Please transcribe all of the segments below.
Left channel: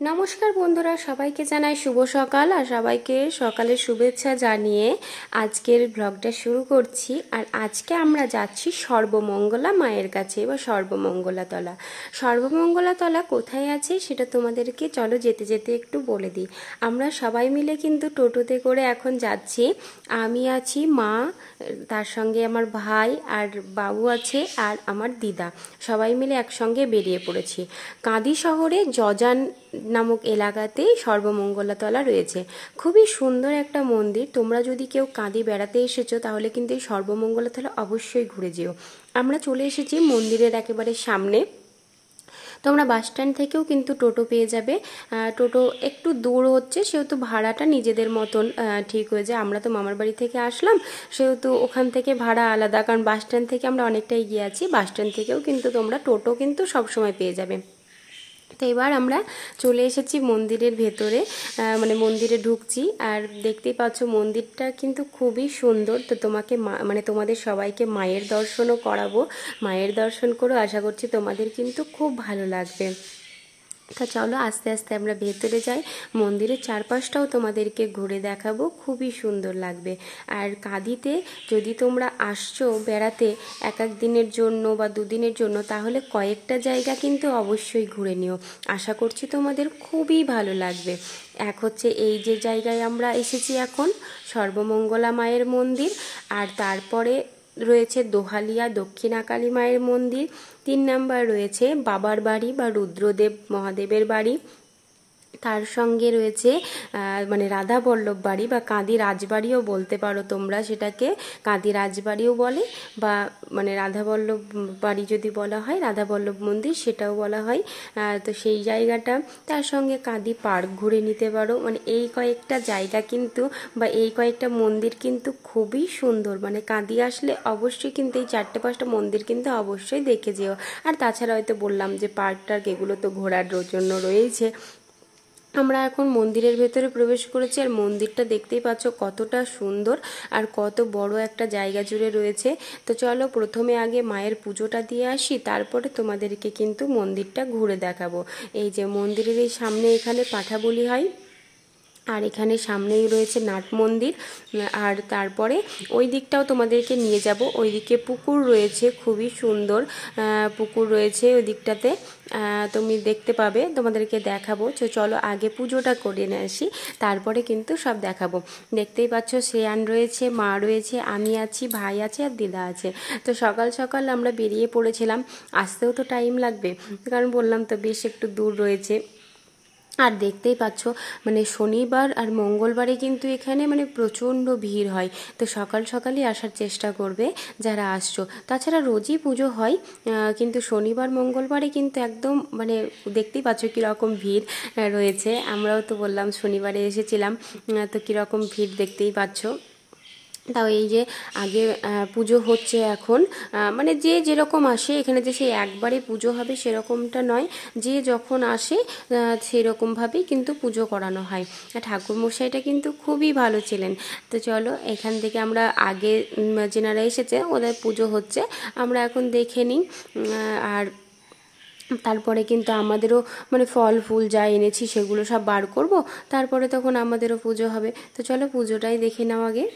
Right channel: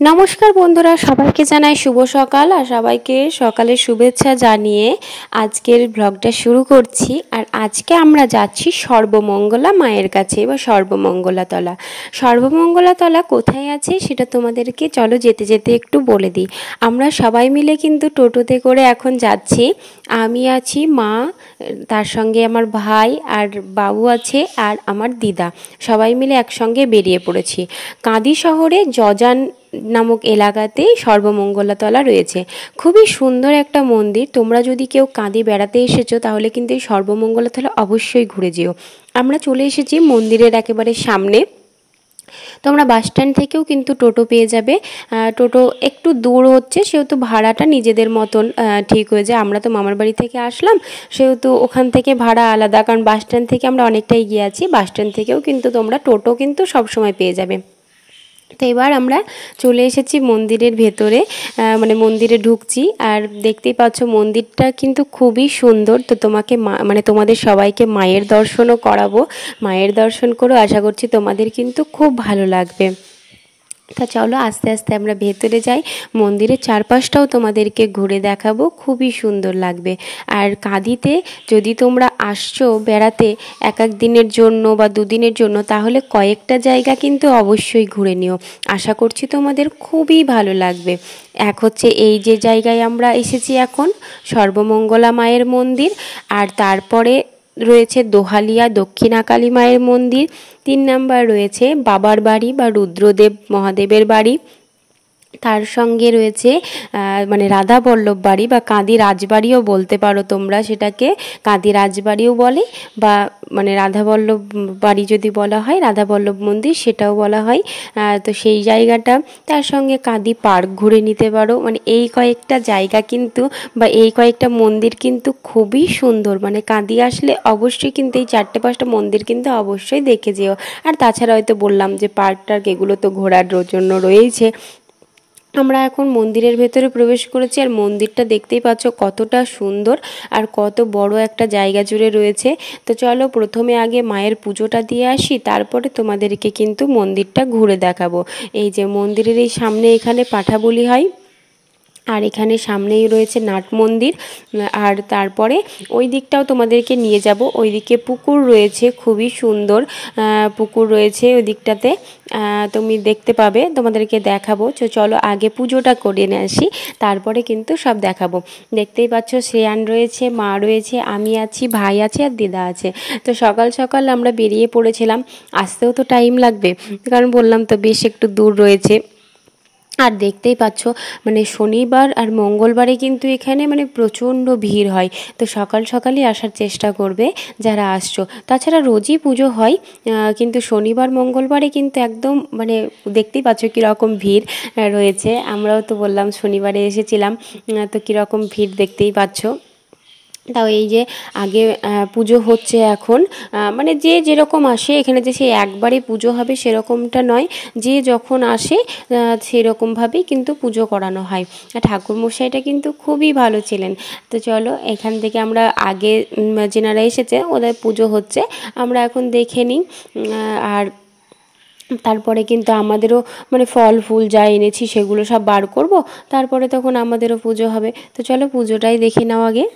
নমস্কার বন্ধুরা, সবাইকে জানাই শুভ সকাল আর সবাইকে সকালের শুভেচ্ছা জানিয়ে আজকের ব্লগটা শুরু করছি। আর আজকে আমরা যাচ্ছি সর্বমঙ্গলা মায়ের কাছে বা সর্বমঙ্গলাতলা। সর্বমঙ্গলাতলা কোথায় আছে সেটা তোমাদেরকে চলো যেতে যেতে একটু বলে দিই। আমরা সবাই মিলে কিন্তু টোটোতে করে এখন যাচ্ছি। আমি আছি, মা, তার সঙ্গে আমার ভাই আর বাবু আছে আর আমার দিদা, সবাই মিলে একসঙ্গে বেরিয়ে পড়েছি। কাঁদি শহরে জজান নামক এলাকাতে সর্বমঙ্গলাতলা রয়েছে। খুবই সুন্দর একটা মন্দির। তোমরা যদি কেউ কাঁদি বেড়াতে এসেছো তাহলে কিন্তু এই সর্বমঙ্গলাতলা অবশ্যই ঘুরে যেও। আমরা চলে এসেছি মন্দিরের একেবারে সামনে। তোমরা বাস স্ট্যান্ড থেকেও কিন্তু টোটো পেয়ে যাবে। টোটো একটু দূর হচ্ছে, সেহেতু ভাড়াটা নিজেদের মতন ঠিক হয়ে যায়। আমরা তো মামার বাড়ি থেকে আসলাম, সেহেতু ওখান থেকে ভাড়া আলাদা, কারণ বাস স্ট্যান্ড থেকে আমরা অনেকটাই গিয়ে আছি। বাস স্ট্যান্ড থেকেও কিন্তু তোমরা টোটো কিন্তু সবসময় পেয়ে যাবে। তো এবার আমরা চলে এসেছি মন্দিরের ভেতরে, মানে মন্দিরে ঢুকছি। আর দেখতেই পাচ্ছ মন্দিরটা কিন্তু খুবই সুন্দর। তো তোমাদের সবাইকে মায়ের দর্শনও করাবো। মায়ের দর্শন করো, আশা করছি তোমাদের কিন্তু খুব ভালো লাগবে। তা চলো আস্তে আস্তে আমরা ভেতরে যাই। মন্দিরের চারপাশটাও তোমাদেরকে ঘুরে দেখাবো, খুবই সুন্দর লাগবে। আর কাঁদিতে যদি তোমরা আসছো বেড়াতে এক দিনের জন্য বা দুদিনের জন্য, তাহলে কয়েকটা জায়গা কিন্তু অবশ্যই ঘুরে নিও। আশা করছি তোমাদের খুবই ভালো লাগবে। এক হচ্ছে এই যে জায়গায় আমরা এসেছি এখন, সর্বমঙ্গলা মায়ের মন্দির। আর তারপরে রয়েছে দোহালিয়া দক্ষিণাকালী মায়ের মন্দির। 3 নাম্বার রয়েছে বাবার বাড়ি বা রুদ্রদেব মহাদেবের বাড়ি। তার সঙ্গে রয়েছে মানে রাধা বল্লভ বাড়ি বা কাঁদি রাজবাড়িও বলতে পারো তোমরা, সেটাকে কাঁদি রাজবাড়িও বলে, বা মানে রাধা বল্লভ বাড়ি যদি বলা হয়, রাধা বল্লভ মন্দির সেটাও বলা হয়। তো সেই জায়গাটা, তার সঙ্গে কাঁদি পার্ক ঘুরে নিতে পারো। মানে এই কয়েকটা জায়গা কিন্তু বা এই কয়েকটা মন্দির কিন্তু খুবই সুন্দর। মানে কাঁদি আসলে অবশ্যই কিন্তু এই 4-5টা মন্দির কিন্তু অবশ্যই দেখে যেও। আর তাছাড়া হয়তো বললাম যে পার্ক টার্ক এগুলো তো ঘোরার জন্য রয়েছে। আমরা এখন মন্দিরের ভেতরে প্রবেশ করেছি। আর মন্দিরটা দেখতেই পাচ্ছ কতটা সুন্দর আর কত বড় একটা জায়গা জুড়ে রয়েছে। তো চলো প্রথমে আগে মায়ের পুজোটা দিয়ে আসি, তারপরে তোমাদেরকে কিন্তু মন্দিরটা ঘুরে দেখাবো। এই যে মন্দিরের এই সামনে এখানে পাঠা বলি হয়, আর এখানে সামনেই রয়েছে নাট মন্দির। আর তারপরে ওই দিকটাও তোমাদেরকে নিয়ে যাব। ওই দিকে পুকুর রয়েছে, খুবই সুন্দর পুকুর রয়েছে ওই দিকটাতে, তুমি দেখতে পাবে, তোমাদেরকে দেখাবো। তো চলো আগে পুজোটা করে নিয়ে আসি, তারপরে কিন্তু সব দেখাবো। দেখতেই পাচ্ছ শ্রেয়ান রয়েছে, মা রয়েছে, আমি আছি, ভাই আছে আর দিদা আছে। তো সকাল সকাল আমরা বেরিয়ে পড়েছিলাম। আসতেও তো টাইম লাগবে, কারণ বললাম তো বেশ একটু দূর রয়েছে। আর দেখতেই পাচ্ছ মানে শনিবার আর মঙ্গলবারে কিন্তু এখানে মানে প্রচণ্ড ভিড় হয়। তো সকাল সকালই আসার চেষ্টা করবে যারা আসছো। তাছাড়া রোজই পুজো হয়, কিন্তু শনিবার মঙ্গলবারে কিন্তু একদম মানে দেখতেই পাচ্ছ কীরকম ভিড় রয়েছে। আমরাও তো বললাম শনিবারে এসেছিলাম, তো কীরকম ভিড় দেখতেই পাচ্ছ। তাও এই যে আগে পুজো হচ্ছে এখন, মানে যে যেরকম আসে এখানে, যে সেই একবারে পুজো হবে সেরকমটা নয়, যে যখন আসে সেরকমভাবেই কিন্তু পুজো করানো হয়। ঠাকুরমশাইটা কিন্তু খুবই ভালো ছিলেন। তো চলো এখান থেকে আমরা আগে যেনারা এসেছে ওদের পুজো হচ্ছে, আমরা এখন দেখে নিই। আর তারপরে কিন্তু আমাদেরও মানে ফল ফুল যা এনেছি সেগুলো সব বার করব, তারপরে তখন আমাদেরও পুজো হবে। তো চলো পুজোটাই দেখে নাও আগে।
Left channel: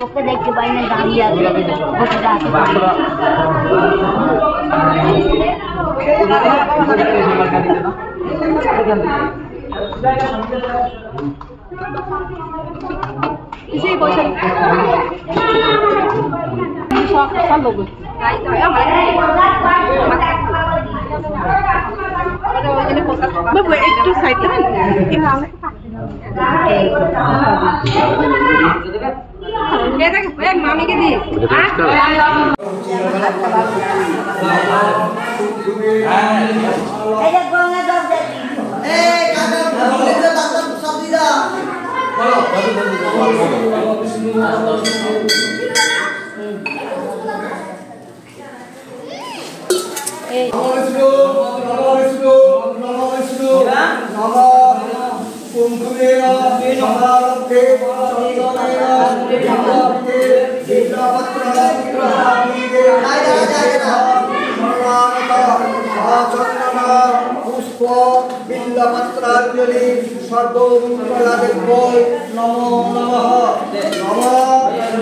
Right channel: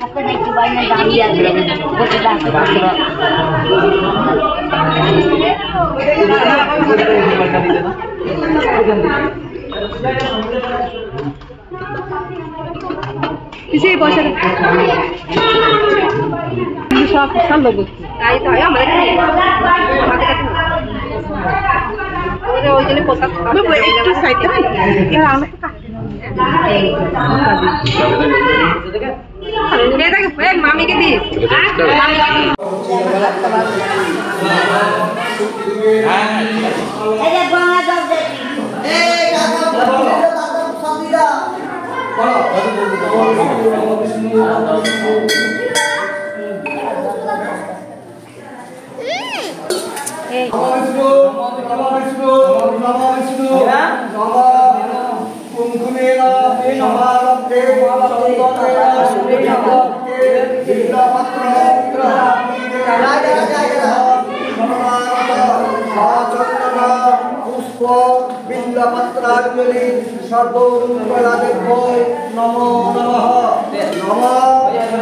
Oke, naik ke banyak gambia Isi bosnya. Bisa kesal logo. Nah itu ya mereka. Ini ini podcast. Bapak itu saya kan. Ya. Kita ke mami ke di. Billapatrajali sarvomungaladebboi namo namaha namo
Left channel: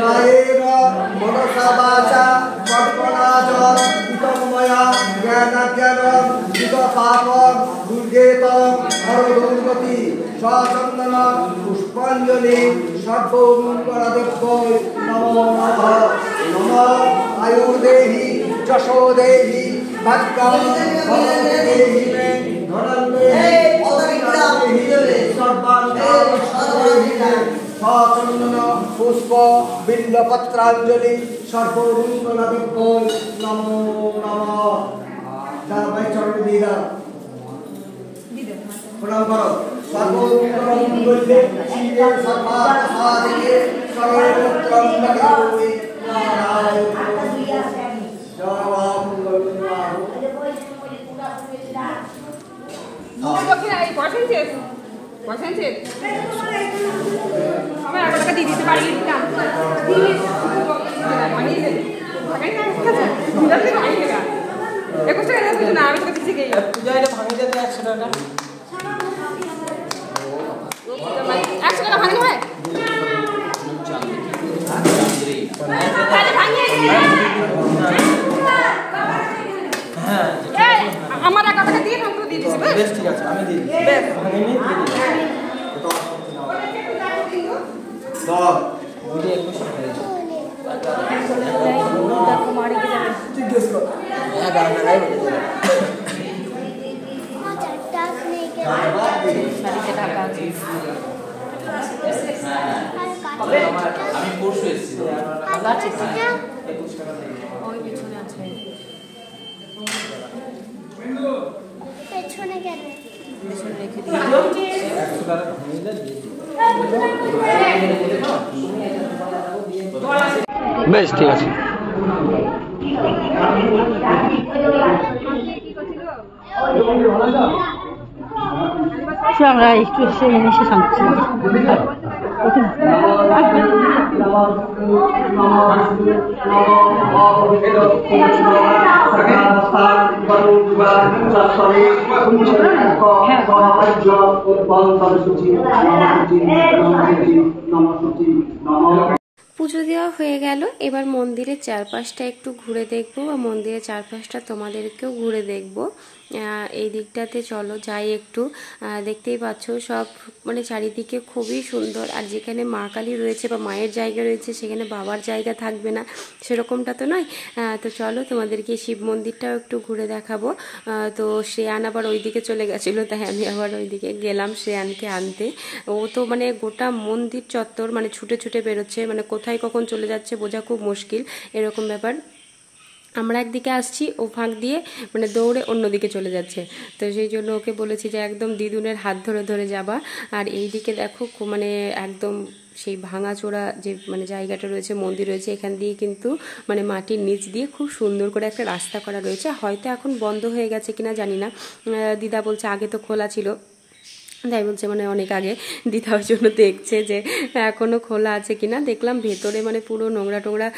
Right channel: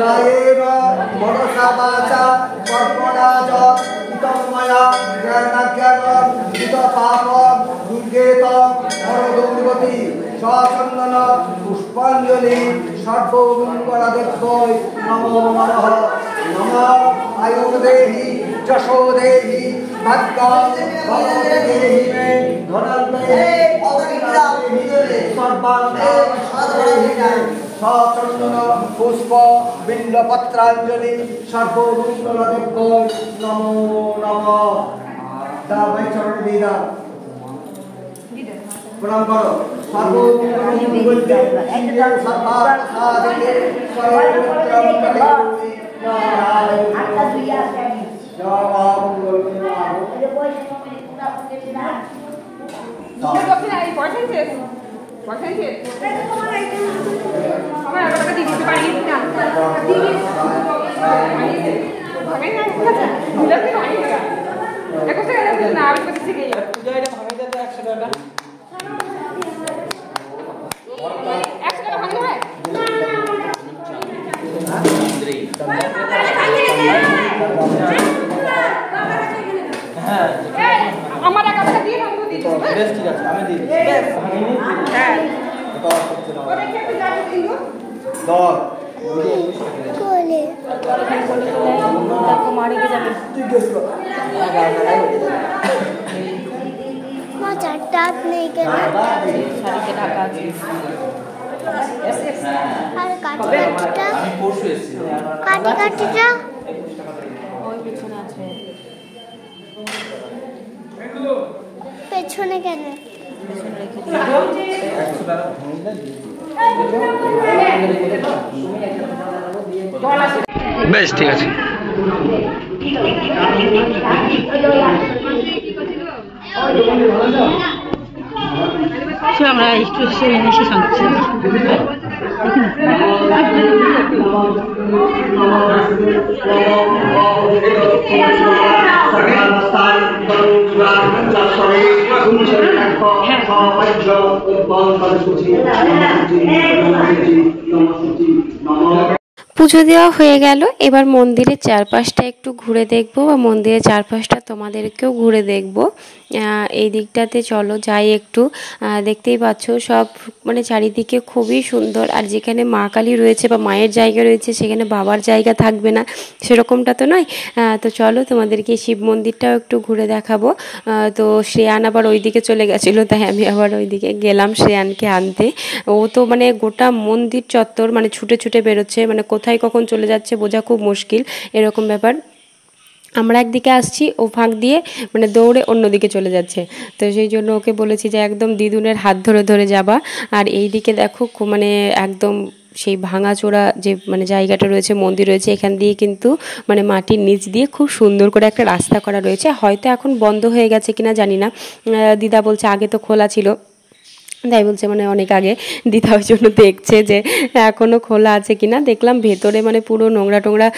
nayena manasavacha karmanacha itamaya jnanagyanam jitapapam durgetam harodongati sasannana pushpanjali sarvomungaladebboi namo namaha namo ayurdehi jashodehi bhaggam bhavadehi पुष्प बिल्लपत्रांजलि सर्वोरुंगलदेव्यै नमो नमः दाबै चरण दीदा प्रणाम करो सर्वोरुंगलदेव्यै शिवे सर्वा साधके सर्वत्रं कटिपुरि বেশ ঠিক আছে আমরা একটু এসে শান্তি পুজো দেওয়া হয়ে গেল। এবার মন্দিরের চারপাশটা একটু ঘুরে দেখব বা মন্দিরের চারপাশটা তোমাদেরকেও ঘুরে দেখব। এই দিকটাতে চলো যাই একটু। দেখতেই পাচ্ছ সব মানে চারিদিকে খুবই সুন্দর। আর যেখানে মা কালী রয়েছে বা মায়ের জায়গা রয়েছে সেখানে বাবার জায়গা থাকবে না সেরকমটা তো নয়। তো চলো তোমাদেরকে শিব মন্দিরটাও একটু ঘুরে দেখাবো। তো শ্রেয়ান আবার ওইদিকে চলে গেছিলো, তাই আমি আবার ওইদিকে গেলাম শ্রেয়ানকে আনতে। ও তো মানে গোটা মন্দির চত্বর মানে ছুটে ছুটে বেরোচ্ছে, মানে কোথায় কখন চলে যাচ্ছে বোঝা খুব মুশকিল এরকম ব্যাপার। আমরা একদিকে আসছি, ও ফাঁক দিয়ে মানে দৌড়ে অন্যদিকে চলে যাচ্ছে। তো সেই জন্য ওকে বলেছি যে একদম দিদুনের হাত ধরে ধরে যাবা। আর এই দিকে দেখো মানে একদম সেই ভাঙাচোরা যে মানে জায়গাটা রয়েছে, মন্দির রয়েছে, এখান দিয়ে কিন্তু মানে মাটির নিচ দিয়ে খুব সুন্দর করে একটা রাস্তা করা রয়েছে। হয়তো এখন বন্ধ হয়ে গেছে কিনা জানি না, দিদা বলছে আগে তো খোলা ছিল, তাই বলছে মানে অনেক আগে। দিদা ওই জন্য দেখছে যে এখনও খোলা আছে কিনা। দেখলাম ভেতরে মানে পুরো নোংরা টোংরা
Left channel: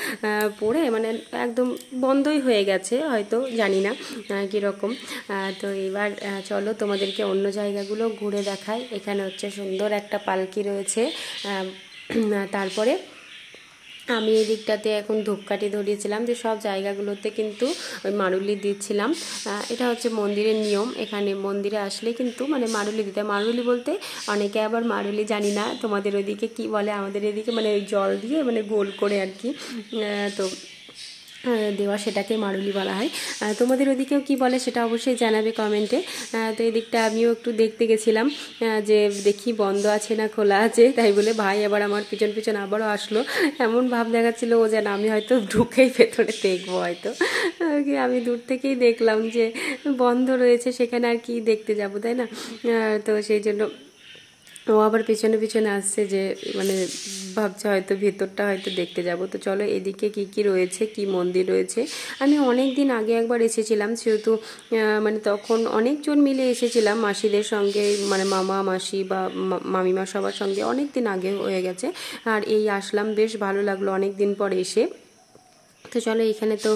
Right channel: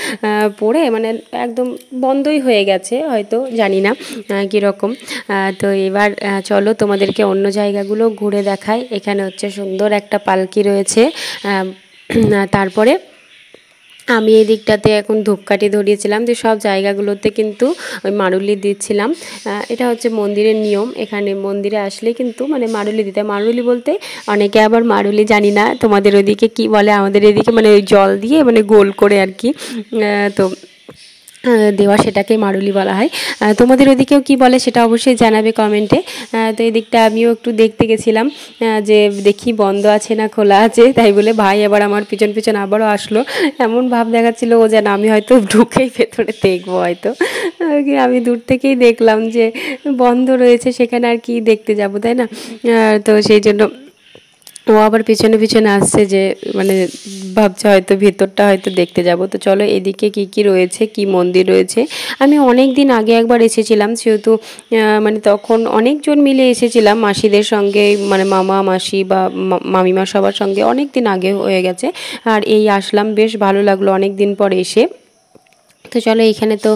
পড়ে মানে একদম বন্ধই হয়ে গেছে, হয়তো জানি না কীরকম। তো এবার চলো তোমাদেরকে অন্য জায়গাগুলো ঘুরে দেখাই। এখানে হচ্ছে সুন্দর একটা পালকি রয়েছে। তারপরে আমি এই দিকটাতে এখন ধূপকাঠি ধরিয়েছিলাম, যে সব জায়গাগুলোতে কিন্তু ওই মারুলি দিচ্ছিলাম। এটা হচ্ছে মন্দিরের নিয়ম, এখানে মন্দিরে আসলে কিন্তু মানে মারুলি দিতে। মারুলি বলতে অনেকে আবার মারুলি জানি না তোমাদের ওদিকে কি বলে, আমাদের এদিকে মানে ওই জল দিয়ে মানে গোল করে আর কি তো দেওয়া, সেটাকে মারুলি বলা হয়। তোমাদের ওদিকেও কি বলে সেটা অবশ্যই জানাবে কমেন্টে। তো এই দিকটা আমিও একটু দেখতে গেছিলাম যে দেখি বন্ধ আছে না খোলা আছে, তাই বলে ভাই আবার আমার পিছন পিছন আবারও আসলো। এমন ভাব দেখাচ্ছিল ও যেন আমি হয়তো ঢুকেই ভেতরে দেখবো, হয়তো আমি দূর থেকেই দেখলাম যে বন্ধ রয়েছে, সেখানে আর কি দেখতে যাব, তাই না? তো সেই জন্য ও আবার পিছনে পিছনে আসছে, যে মানে ভাবছে হয়তো ভেতরটা হয়তো দেখতে যাব। তো চলো এদিকে কি কি রয়েছে, কি মন্দির রয়েছে। আমি অনেক দিন আগে একবার এসেছিলাম, সেহেতু মানে তখন অনেকজন মিলে এসেছিলাম মাসিদের সঙ্গে, মানে মামা মাসি বা মামিমা সবার সঙ্গে, অনেক দিন আগে হয়ে গেছে। আর এই আসলাম, বেশ ভালো লাগলো অনেক দিন পর এসে। তো চলো এখানে তো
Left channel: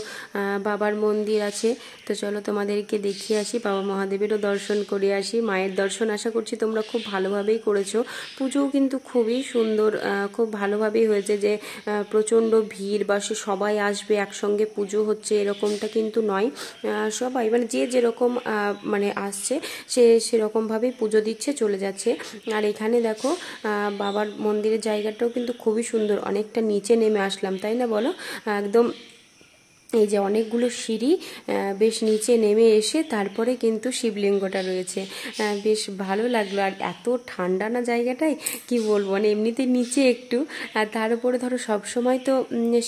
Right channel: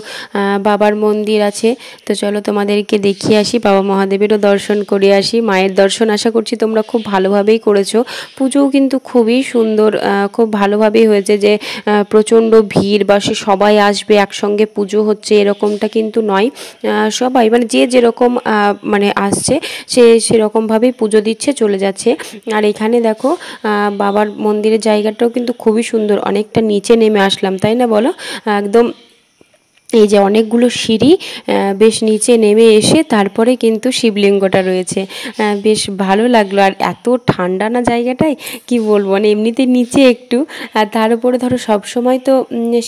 বাবার মন্দির আছে, তো চলো তোমাদেরকে দেখিয়ে আসি, বাবা মহাদেবেরও দর্শন করে আসি। মায়ের দর্শন আশা করছি তোমরা খুব ভালোভাবেই করেছো। পুজোও কিন্তু খুবই সুন্দর, খুব ভালোভাবেই হয়েছে, যে প্রচণ্ড ভিড় বা সে সবাই আসবে একসঙ্গে পুজো হচ্ছে এরকমটা কিন্তু নয়। সবাই মানে যে যেরকম মানে আসছে সে সেরকমভাবেই পুজো দিচ্ছে, চলে যাচ্ছে। আর এখানে দেখো বাবার মন্দিরের জায়গাটাও কিন্তু খুবই সুন্দর, অনেকটা নিচে নেমে আসলাম, তাই না বলো? একদম এই যে অনেকগুলো সিঁড়ি, বেশ নিচে নেমে এসে তারপরে কিন্তু শিবলিঙ্গটা রয়েছে, বেশ ভালো লাগলো। আর এত ঠান্ডা না জায়গাটায়, কি বলবো, মানে এমনিতে নিচে একটু, আর তার উপরে ধরো সবসময় তো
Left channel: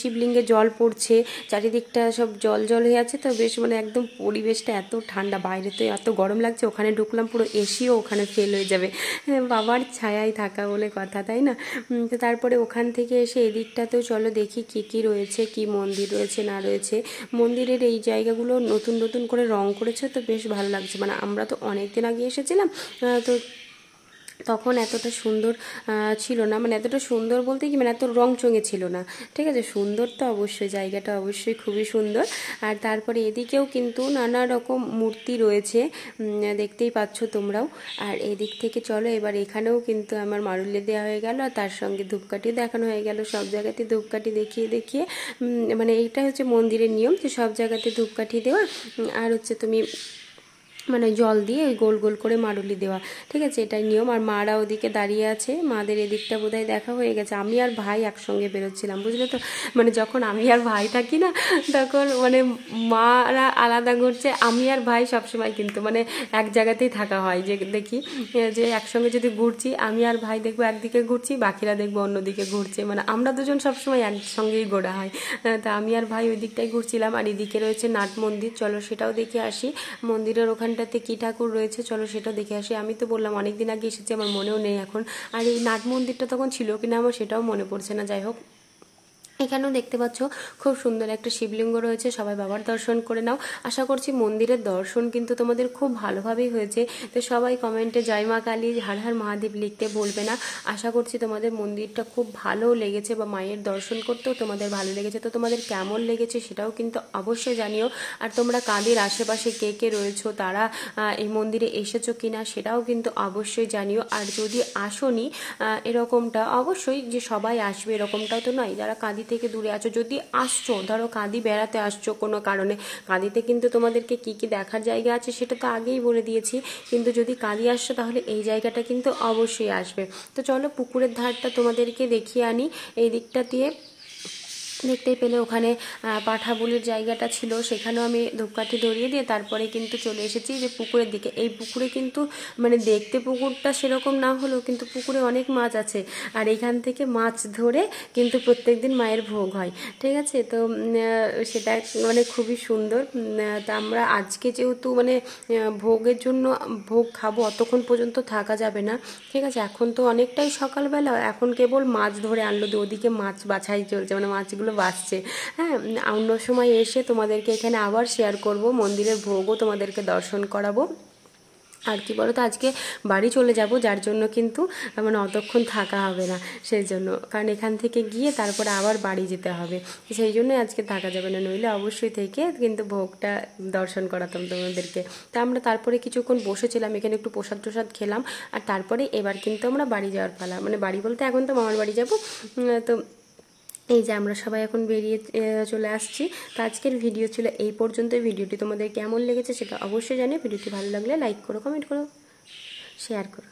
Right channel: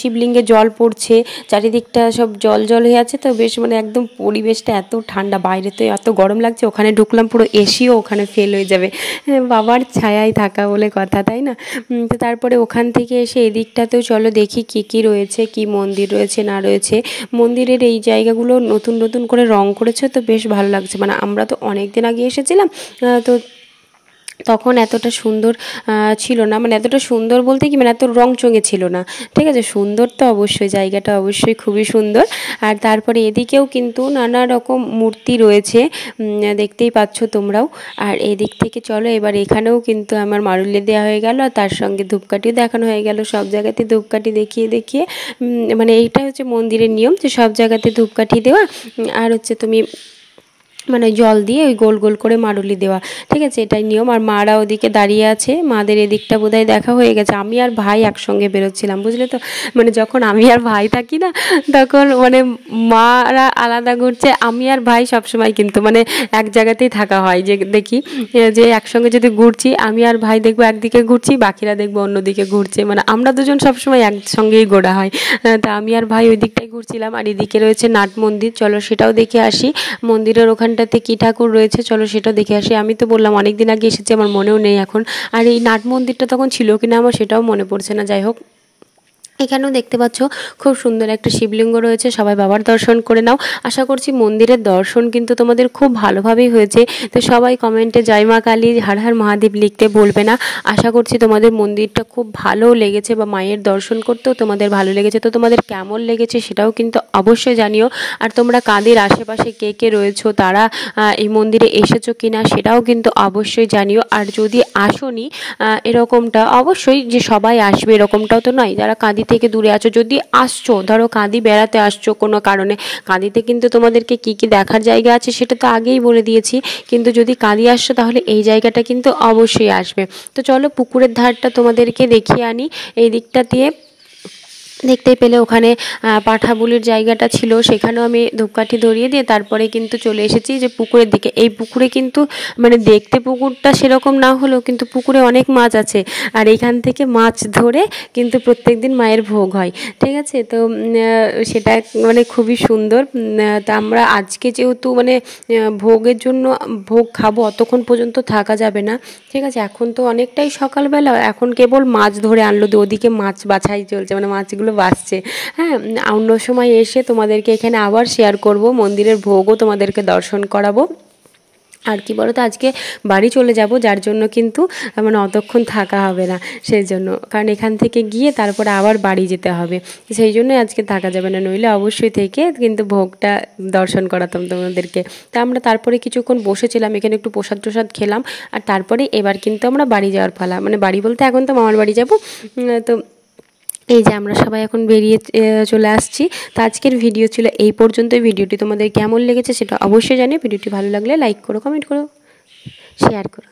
শিবলিঙ্গে জল পড়ছে, চারিদিকটা সব জল জল হয়ে আছে, তো বেশ মানে একদম পরিবেশটা এত ঠান্ডা। বাইরে তো এত গরম লাগছে, ওখানে ঢুকলাম পুরো এসিও ওখানে ফেল হয়ে যাবে, বাবার ছায়ায় থাকা বলে কথা, তাই না? তো তারপরে ওখান থেকে এসে এদিকটাতেও চলো দেখি কি কি রয়েছে, কি মন্দির রয়েছে না রয়েছে। মন্দিরের এই জায়গাগুলো নতুন নতুন করে রং করেছে, তো বেশ ভালো লাগছে। মানে আমরা তো অনেক দিন আগে এসেছিলাম, তো তখন এতটা সুন্দর ছিল না, মানে এতটা সুন্দর বলতে কি মানে এত রংচঙে ছিল না, ঠিক আছে? সুন্দর তো অবশ্যই, জায়গাটা অবশ্যই খুবই সুন্দর। আর তারপরে এদিকেও কিন্তু নানা রকম মূর্তি রয়েছে, দেখতেই পাচ্ছ তোমরাও। আর এদিক থেকে চলো এবার এখানেও কিন্তু আমার মারুলি দেওয়া হয়ে গেল, আর তার সঙ্গে ধূপকাঠিও দেখানো হয়ে গেল। সব জায়গাতে ধূপকাঠি দেখিয়ে দেখিয়ে মানে এইটা হচ্ছে মন্দিরের নিয়ম, যে সব জায়গাতে ধূপকাঠি দেওয়া, আর হচ্ছে তুমি মানে জল দিয়ে ওই গোল গোল করে মারুলি দেওয়া, ঠিক আছে? এটাই নিয়ম। আর মারা ওদিকে দাঁড়িয়ে আছে, মাদের এদিকটা বোধহয় দেখা হয়ে গেছে। আমি আর ভাই একসঙ্গে বেরোচ্ছিলাম, বুঝলে তো? মানে যখন আমি আর ভাই থাকি না, তখন মানে মারা আলাদা ঘুরছে, আমি আর ভাই সবসময় কিন্তু মানে এক জায়গাতেই থাকা হয়, যে দেখি যে একসঙ্গে যদি ঘুরছি, আমি আর ভাই দেখবো একদিকে ঘুরছি, বাকিরা দেখবো অন্যদিকে ঘুরছে, মানে আমরা দুজন সবসময় একসঙ্গেই ঘোরা হয়। তা আমি আর ভাই ওই দিকটাই ঘুরছিলাম। আর এদিকে রয়েছে নাট মন্দির, চলো সেটাও দেখে আসি। মন্দিরের ওখানটাতে কী ঠাকুর রয়েছে চলো সেটাও দেখে আসি। আমি তো বললাম অনেক দিন আগে এসেছি, আমার মনেও নেই এখন। আর এই নাট মন্দিরটা তখন ছিল কিনা আমার সেটাও মনে পড়ছে না। যাই হোক, এখানেও দেখতে পাচ্ছ খুব সুন্দর একটা শিবলিঙ্গ রয়েছে, সবাই বাবার দর্শন করে নাও। আশা করছি মন্দিরের দর্শন কিন্তু তোমাদের খুব ভালোভাবেই হয়েছে। তো সবাই কমেন্টে জয় মা কালী, হর হর মহাদেব লিখতে বলবে না। আশা করছি তোমাদের মন্দিরটা খুব ভালো লেগেছে, বা মায়ের দর্শন করতেও তোমাদের ভালো লেগেছে। তো তোমাদের কেমন লেগেছে সেটাও কিন্তু অবশ্যই জানিও। আর তোমরা কাদের আশেপাশে কে কে রয়েছো, তারা এই মন্দিরে এসেছো কিনা সেটাও কিন্তু অবশ্যই জানিও। আর যদি আসোনি এরকমটা, অবশ্যই যে সবাই আসবে এরকমটাও তো নয়, যারা কাঁদি থেকে দূরে আছো, যদি আসছো ধরো কাঁদি বেড়াতে আসছো কোনো কারণে, কাঁদিতে কিন্তু তোমাদেরকে কি কি দেখার জায়গা আছে সেটা তো আগেই বলে দিয়েছি, কিন্তু যদি কাঁদি আসছো তাহলে এই জায়গাটা কিন্তু অবশ্যই আসবে। তো চলো পুকুরের ধারটা তোমাদেরকে দেখিয়ে আনি। এই দিকটা দিয়ে দেখতেই পেলে ওখানে পাঠা বুলির জায়গাটা ছিল, সেখানেও আমি ধূপকাঠি ধরিয়ে দিয়ে তারপরে কিন্তু চলে এসেছি যে পুকুরের দিকে। এই পুকুরে কিন্তু মানে দেখতে পুকুরটা সেরকম না হলেও কিন্তু পুকুরে অনেক মাছ আছে, আর এখান থেকে মাছ ধরে কিন্তু প্রত্যেকদিন মায়ের ভোগ হয়, ঠিক আছে। তো সেটা মানে খুবই সুন্দর। তা আমরা আজকে যেহেতু মানে ভোগের জন্য ভোগ খাবো, অতক্ষণ পর্যন্ত থাকা যাবে না, ঠিক আছে। এখন তো অনেকটাই সকালবেলা, এখন কেবল মাছ ধরে আনলো, ওদিকে মাছ বাছাই চলছে, মানে মাছগুলো বাসছে। হ্যাঁ, অন্য সময় এসে তোমাদেরকে এখানে আবার শেয়ার করব, মন্দিরের ভোগও তোমাদেরকে দর্শন করাবো। আর কি বলো তো, আজকে বাড়ি চলে যাব, যার জন্য কিন্তু মানে অতক্ষণ থাকা হবে না, সেই জন্য, কারণ এখান থেকে গিয়ে তারপরে আবার বাড়ি যেতে হবে, সেই জন্য আজকে থাকা যাবে না, নইলে অবশ্যই থেকে কিন্তু ভোগটা দর্শন করাতাম তোমাদেরকে। তা আমরা তারপরে কিছুক্ষণ বসেছিলাম, এখানে একটু প্রসাদ টসাদ খেলাম, আর তারপরে এবার কিন্তু আমরা বাড়ি যাওয়ার পালা, মানে বাড়ি বলতে এখন তো মামার বাড়ি যাব। তো এই যে আমরা সবাই এখন বেরিয়ে চলে আসছি। তো আজকের ভিডিও ছিল এই পর্যন্তই। ভিডিওটি তোমাদের কেমন লেগেছে সেটা অবশ্যই জানিও। ভিডিওটি ভালো লাগলে লাইক করো, কমেন্ট করো, শেয়ার করো।